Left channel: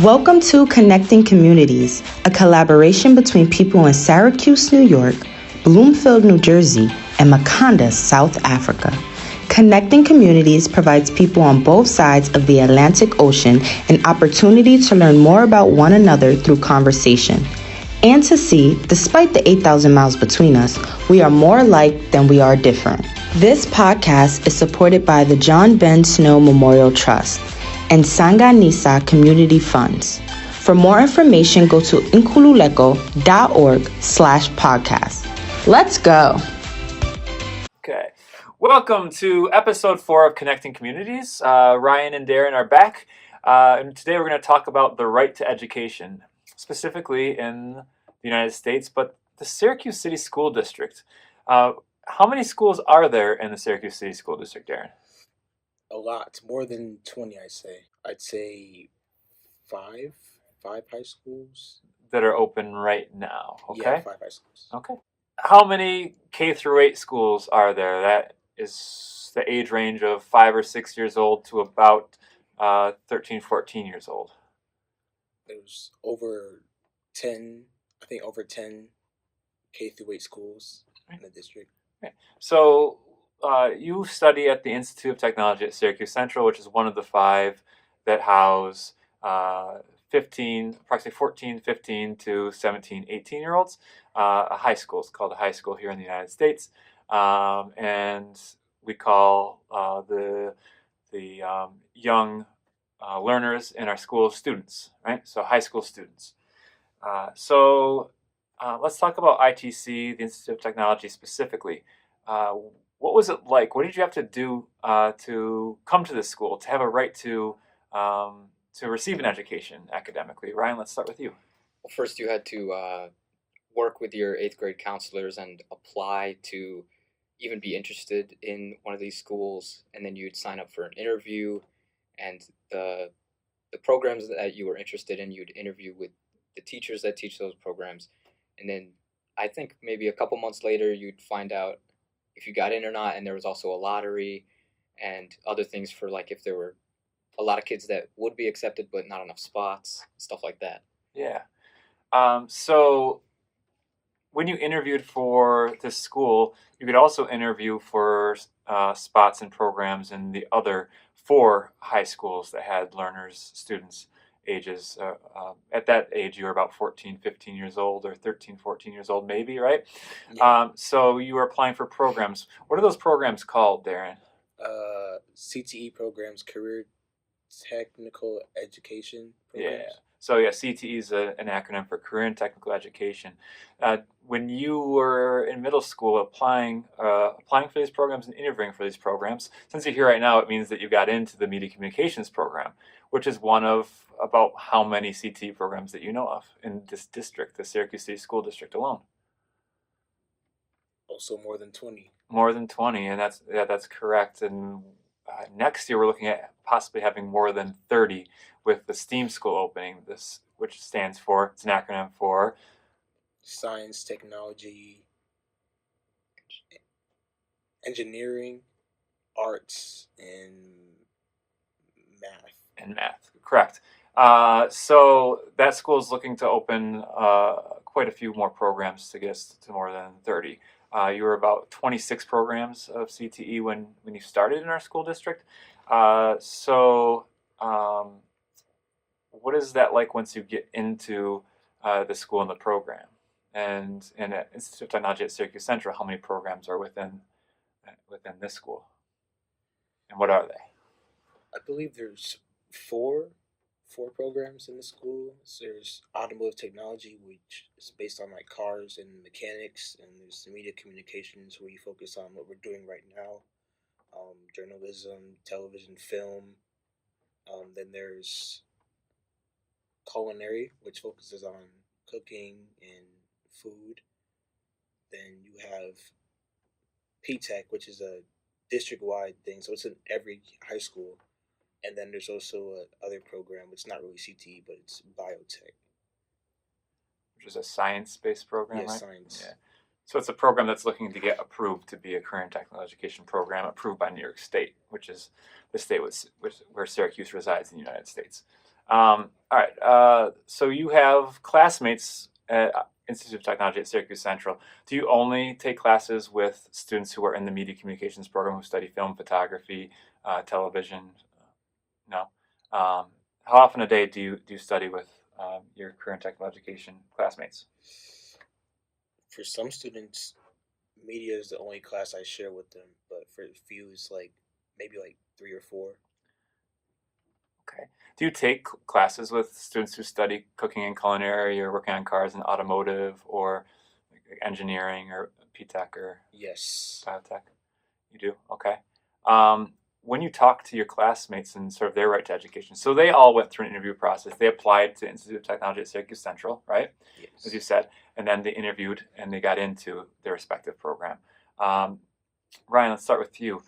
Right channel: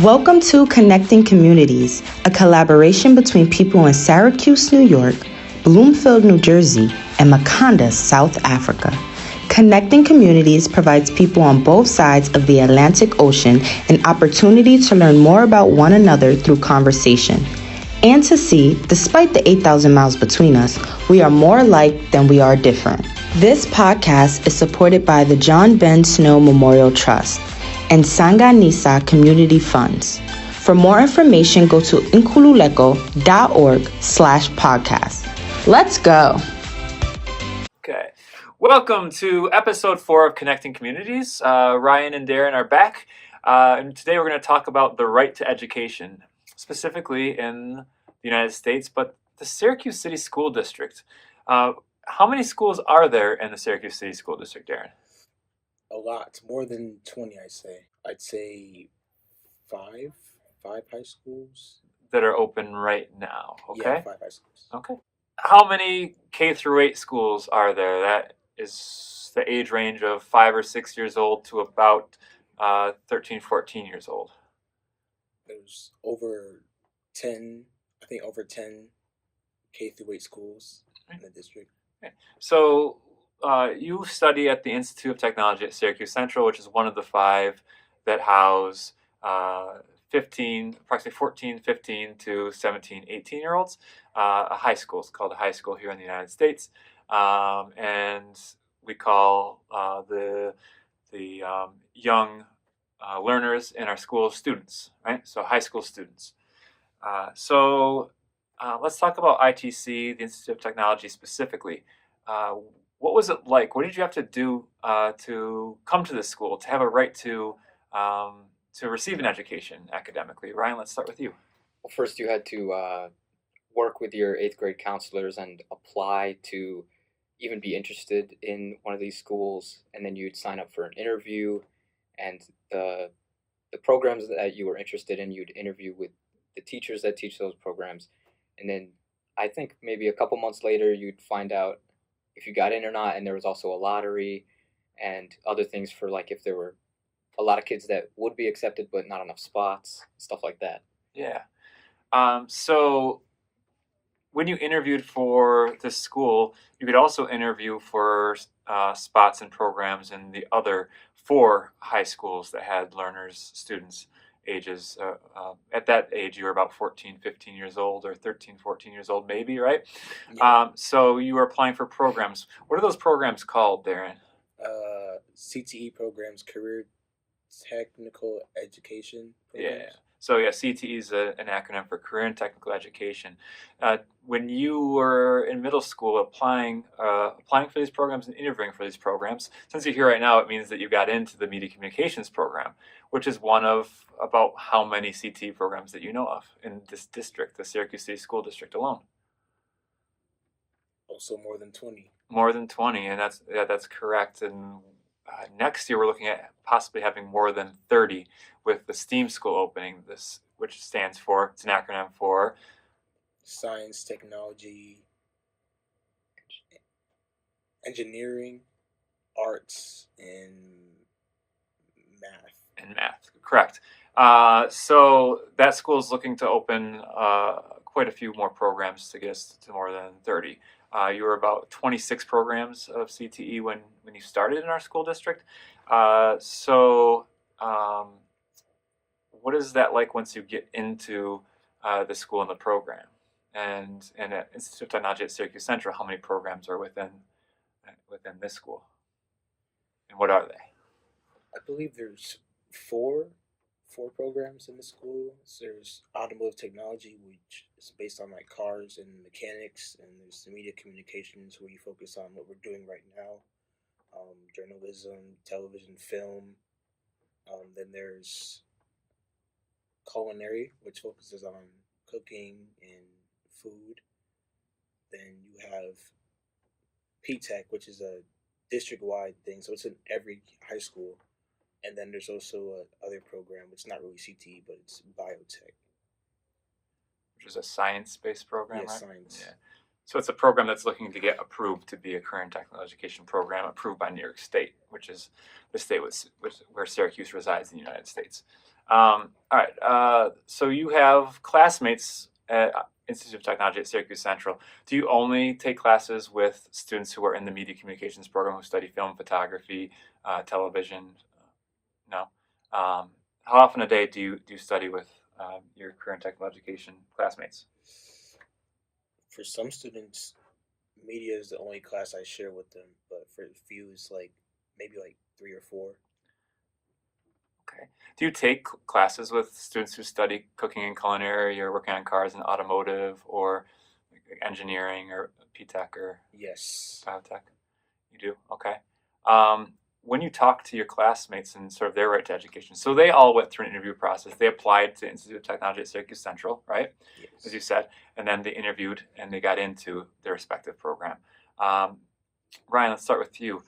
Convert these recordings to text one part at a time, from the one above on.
Welcome to Connecting Communities, a collaboration between people in Syracuse, New York, Bloomfield, New Jersey, and Makanda, South Africa. Connecting Communities provides people on both sides of the Atlantic Ocean an opportunity to learn more about one another through conversation, and to see, despite the 8,000 miles between us, we are more alike than we are different. This podcast is supported by the John Ben Snow Memorial Trust and Sanganisa Community Funds. For more information, go to inkululeko.org/podcast. Let's go. Okay. Welcome to episode 4 of Connecting Communities. Ryan and Darren are back. And today we're going to talk about the right to education, specifically in the United States, but the Syracuse City School District. How many schools are there in the Syracuse City School District, Darren? A lot, more than 20, I'd say 5 high schools. That are open right now, okay? Yeah, 5 high schools. Okay. How many K through 8 schools are there? That is the age range of 5 or 6 years old to about 13, 14 years old. There's over 10 K through 8 schools in the district. Okay. So you study at the Institute of Technology at Syracuse Central, which is one of the 5 that house approximately 14, 15 to 17, 18-year-olds. A high school. It's called a high school here in the United States. And we call the young learners in our school students, right? So high school students. So let's talk about ITC, the Institute of Technology specifically. What was it like? What did you have to do to come to this school, to have a right to receive an education academically? Ryan, let's start with you. Well, first you had to work with your 8th grade counselors and apply to even be interested in one of these schools, and then you'd sign up for an interview, and the programs that you were interested in, you'd interview with the teachers that teach those programs, and then I think maybe a couple months later you'd find out if you got in or not, and there was also a lottery and other things for, like, if there were a lot of kids that would be accepted but not enough spots, stuff like that. Yeah. So when you interviewed for this school, you could also interview for spots and programs in the other 4 high schools that had students ages. At that age, you were about 14, 15 years old, or 13, 14 years old, maybe, right? Yeah. So you were applying for programs. What are those programs called, Darren? CTE programs, career technical education programs. Yeah. So yeah, CTE is an acronym for Career and Technical Education. When you were in middle school applying for these programs and interviewing for these programs, since you're here right now, it means that you got into the Media Communications program, which is one of about how many CTE programs that you know of in this district, the Syracuse City School District alone? Also more than 20. More than 20, and that's correct. And next year we're looking at possibly having more than 30 with the STEAM school opening, which stands for, it's an acronym for Science, Technology, Engineering, Arts, and Math. And math, correct. So that school is looking to open quite a few more programs to get us to more than 30. You were about 26 programs of CTE when you started in our school district. So what is that like once you get into the school and the program? And at Institute of Technology at Syracuse Central, how many programs are within this school? And what are they? I believe there's 4 programs in the school. So there's automotive technology, which is based on like cars and mechanics, and there's the media communications, where you focus on what we're doing right now, journalism, television, film. Then there's culinary, which focuses on cooking and food. Then you have P-Tech, which is a district-wide thing, so it's in every high school. And then there's also other program. It's not really CTE, but it's biotech. Which is a science-based program, Yeah, right? science. Yeah. So it's a program that's looking to get approved to be a career and technical education program approved by New York State, which is the state where Syracuse resides in the United States. All right. So you have classmates at Institute of Technology at Syracuse Central. Do you only take classes with students who are in the media communications program who study film, photography, television? No. How often a day do you study with your current technical education classmates? For some students, media is the only class I share with them, but for a few, it's like maybe like 3 or 4. Okay. Do you take classes with students who study cooking and culinary or working on cars and automotive or engineering or P-Tech or Yes. biotech? You do? Okay. When you talk to your classmates and sort of their right to education, so they all went through an interview process. They applied to Institute of Technology at Syracuse Central, right? As you Yes. said, and then they interviewed and they got into their respective program. Um, Ryan, let's start with you.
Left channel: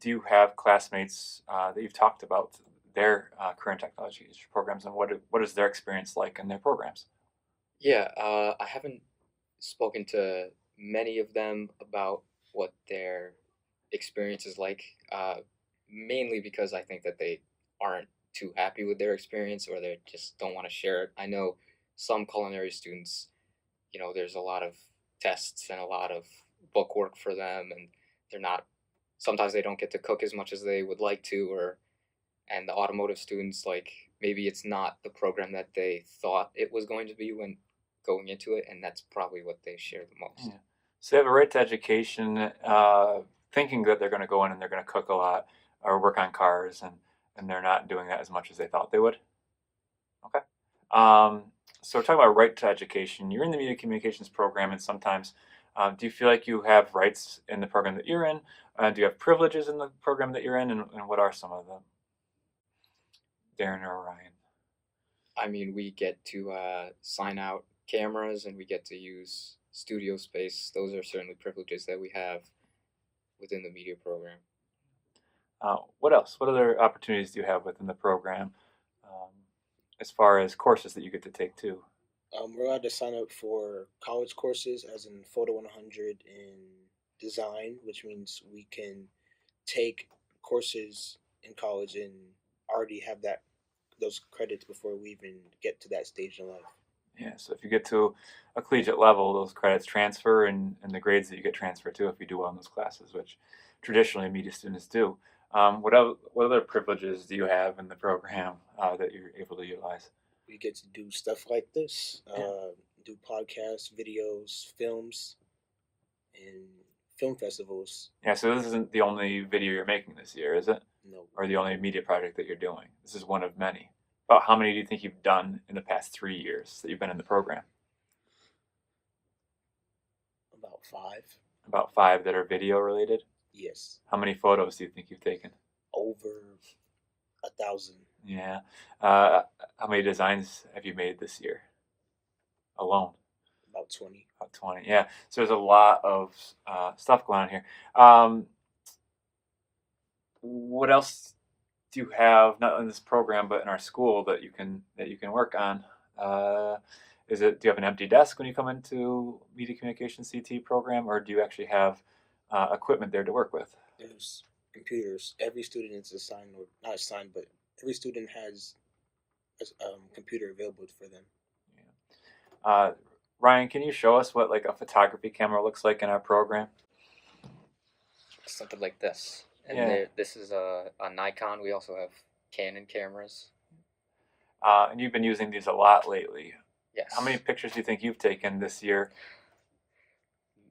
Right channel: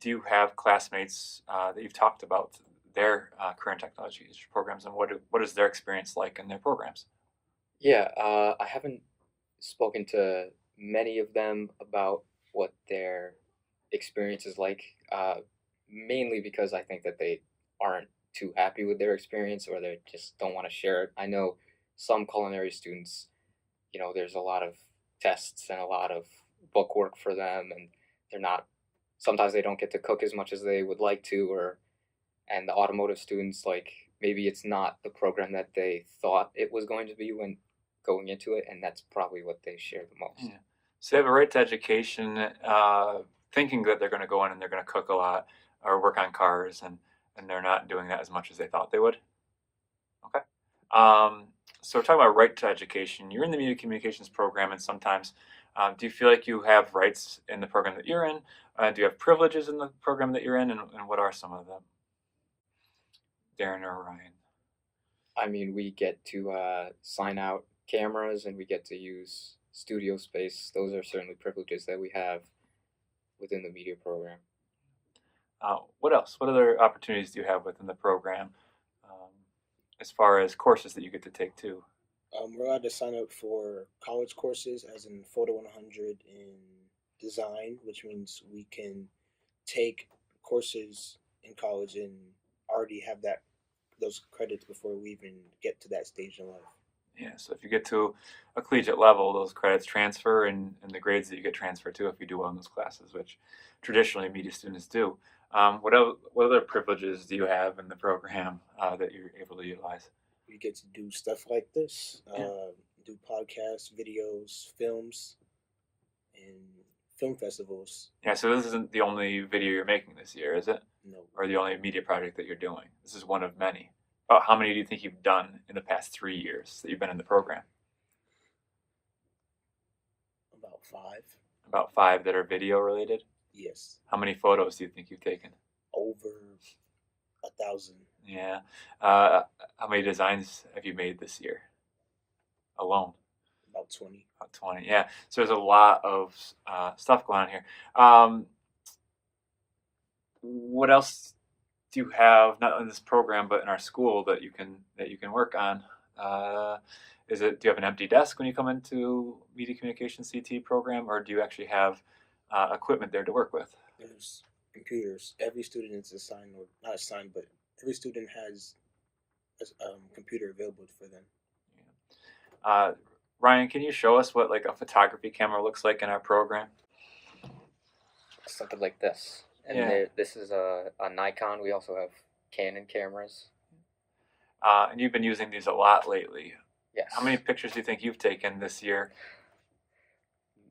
Do you have classmates that you've talked about their current technology programs and what is their experience like in their programs? Yeah, I haven't spoken to many of them about what their experience is like, mainly because I think that they aren't too happy with their experience or they just don't want to share it. I know some culinary students, there's a lot of tests and a lot of book work for them, and they're not, sometimes they don't get to cook as much as they would like to, and the automotive students, like, maybe it's not the program that they thought it was going to be when going into it, and that's probably what they share the most. Yeah. So they have a right to education, thinking that they're going to go in and they're going to cook a lot or work on cars, and they're not doing that as much as they thought they would. Okay. So we're talking about right to education. You're in the media communications program, and sometimes do you feel like you have rights in the program that you're in? Do you have privileges in the program that you're in, and what are some of them? Darren or Ryan? I mean, we get to sign out cameras and we get to use studio space. Those are certainly privileges that we have within the media program. What else? What other opportunities do you have within the program um, as far as courses that you get to take too? We're allowed to sign up for college courses, as in Photo 100 in design, which means we can take courses in college and already have those credits before we even get to that stage in life. Yeah, so if you get to a collegiate level, those credits transfer and the grades that you get transfer too if you do well in those classes, which traditionally media students do. What other privileges do you have in the program that you're able to utilize? We get to do stuff like this, Yeah. do podcasts, videos, films, and film festivals. Yeah, so this isn't the only video you're making this year, is it? No, Or the only media project that you're doing? This is one of many. About how many do you think you've done in the past 3 years that you've been in the program? about 5. About 5 that are video related? Yes, How many photos do you think you've taken? over 1,000. Yeah. How many designs have you made this year alone? About 20. About 20. Yeah. So there's a lot of stuff going on here. What else do you have, not in this program, but in our school that you can work on? Do you have an empty desk when you come into media communication CT program, or do you actually have equipment there to work with? There's computers. Every student is assigned, or not assigned, but every student has a computer available for them. Yeah. Ryan, can you show us what like a photography camera looks like in our program? Something like this. And Yeah. this is a Nikon. We also have Canon cameras. And you've been using these a lot lately. Yes. How many pictures do you think you've taken this year?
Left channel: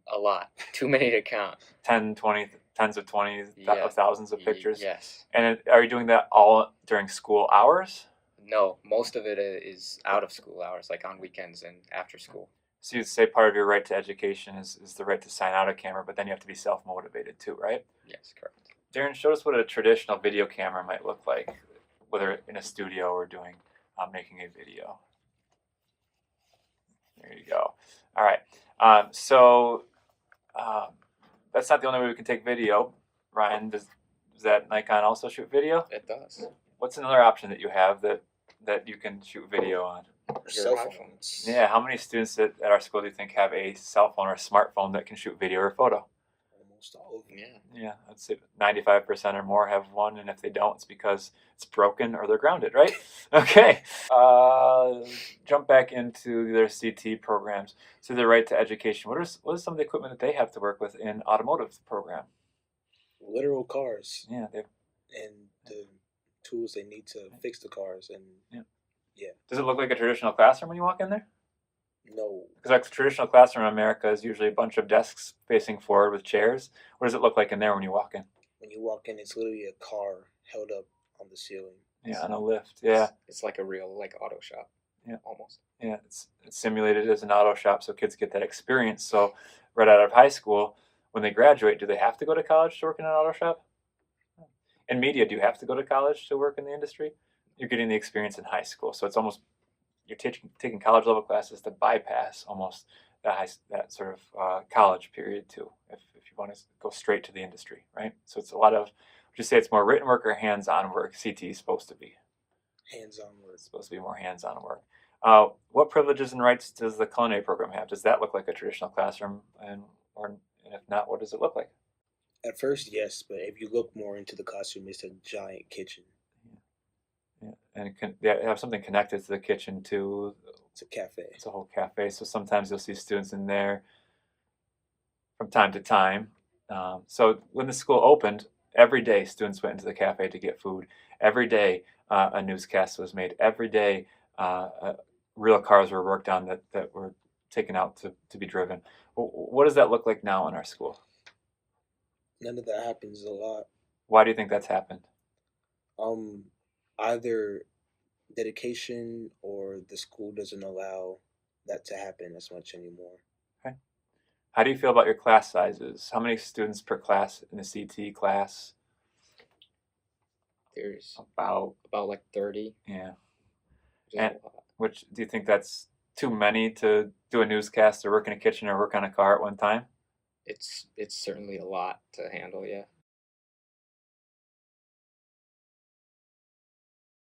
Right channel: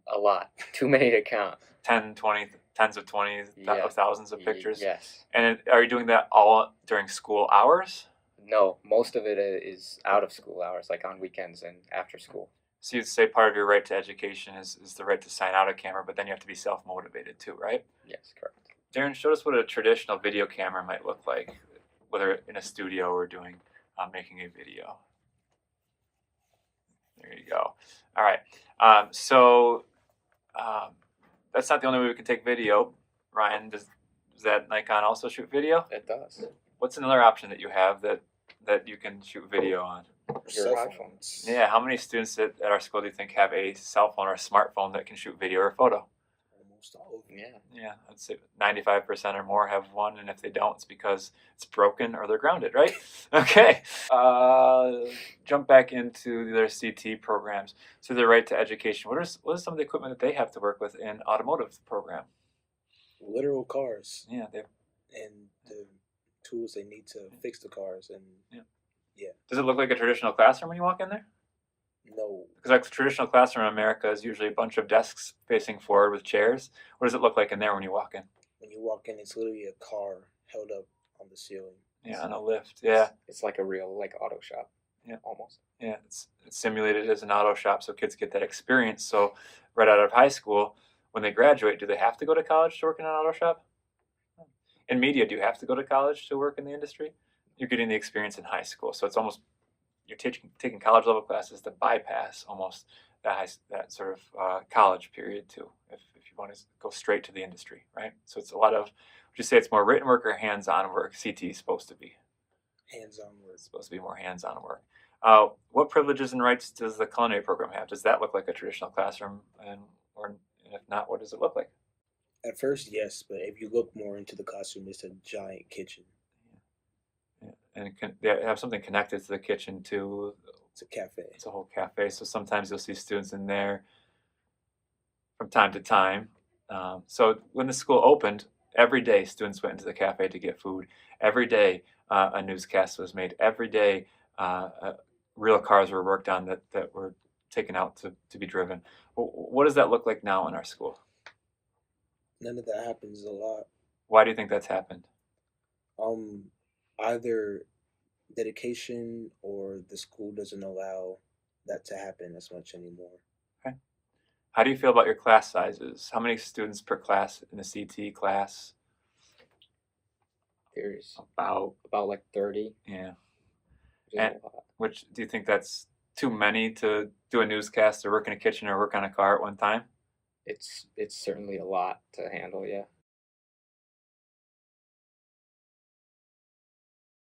A lot. Too many to count. 10, 20, tens of 20, Yeah. thousands of pictures? Yes. And are you doing that all during school hours? No, most of it is out of school hours, like on weekends and after school. So you'd say part of your right to education is the right to sign out a camera, but then you have to be self-motivated too, right? Yes, correct. Darren, show us what a traditional video camera might look like, whether in a studio or doing making a video. There you go. All right. That's not the only way we can take video. Ryan, does that Nikon also shoot video? It does. What's another option that you have that you can shoot video on? Your Cell iPhone. phones. Yeah, how many students at our school do you think have a cell phone or a smartphone that can shoot video or photo? almost all of them. Yeah. Yeah, I'd say 95% or more have one, and if they don't, it's because it's broken or they're grounded, right? Okay. Jump back into their CT programs. So their right to education. What is some of the equipment that they have to work with in automotive program? Literal cars Yeah, they. and the tools they need to fix the cars. And Yeah. yeah, Does it look like a traditional classroom when you walk in there? no, Because like the traditional classroom in America is usually a bunch of desks facing forward with chairs. What does it look like in there when you walk in? when you walk in, it's literally a car held up on the ceiling. Yeah, on a lift. Yeah, It's like a real like auto shop. Yeah. Almost. yeah. It's simulated as an auto shop, so kids get that experience. So right out of high school, when they graduate, do they have to go to college to work in an auto shop? In media, do you have to go to college to work in the industry? You're getting the experience in high school, so it's almost you're taking college level classes to bypass almost that sort of college period too, if you want to go straight to the industry, right? So it's a lot of, would you say it's more written work or hands-on work? CT is supposed to be. Hands-on work. It's supposed to be more hands-on work. What privileges and rights does the culinary program have? Does that look like a traditional classroom? And if not, what does it look like? At first, yes, but if you look more into the classroom, it's a giant kitchen. Yeah. And they have something connected to the kitchen too. It's a cafe. It's a whole cafe. So sometimes you'll see students in there from time to time. So when the school opened, every day students went into the cafe to get food. Every day a newscast was made. Every day real cars were worked on that were taken out to be driven. What does that look like now in our school? None of that happens a lot. Why do you think that's happened? Either dedication or the school doesn't allow that to happen as much anymore. Okay. How do you feel about your class sizes? How many students per class in a CT class? There's About like 30. Yeah. Which is And a lot. which do you think that's too many to do a newscast or work in a kitchen or work on a car at one time? It's certainly a lot to handle. Yeah.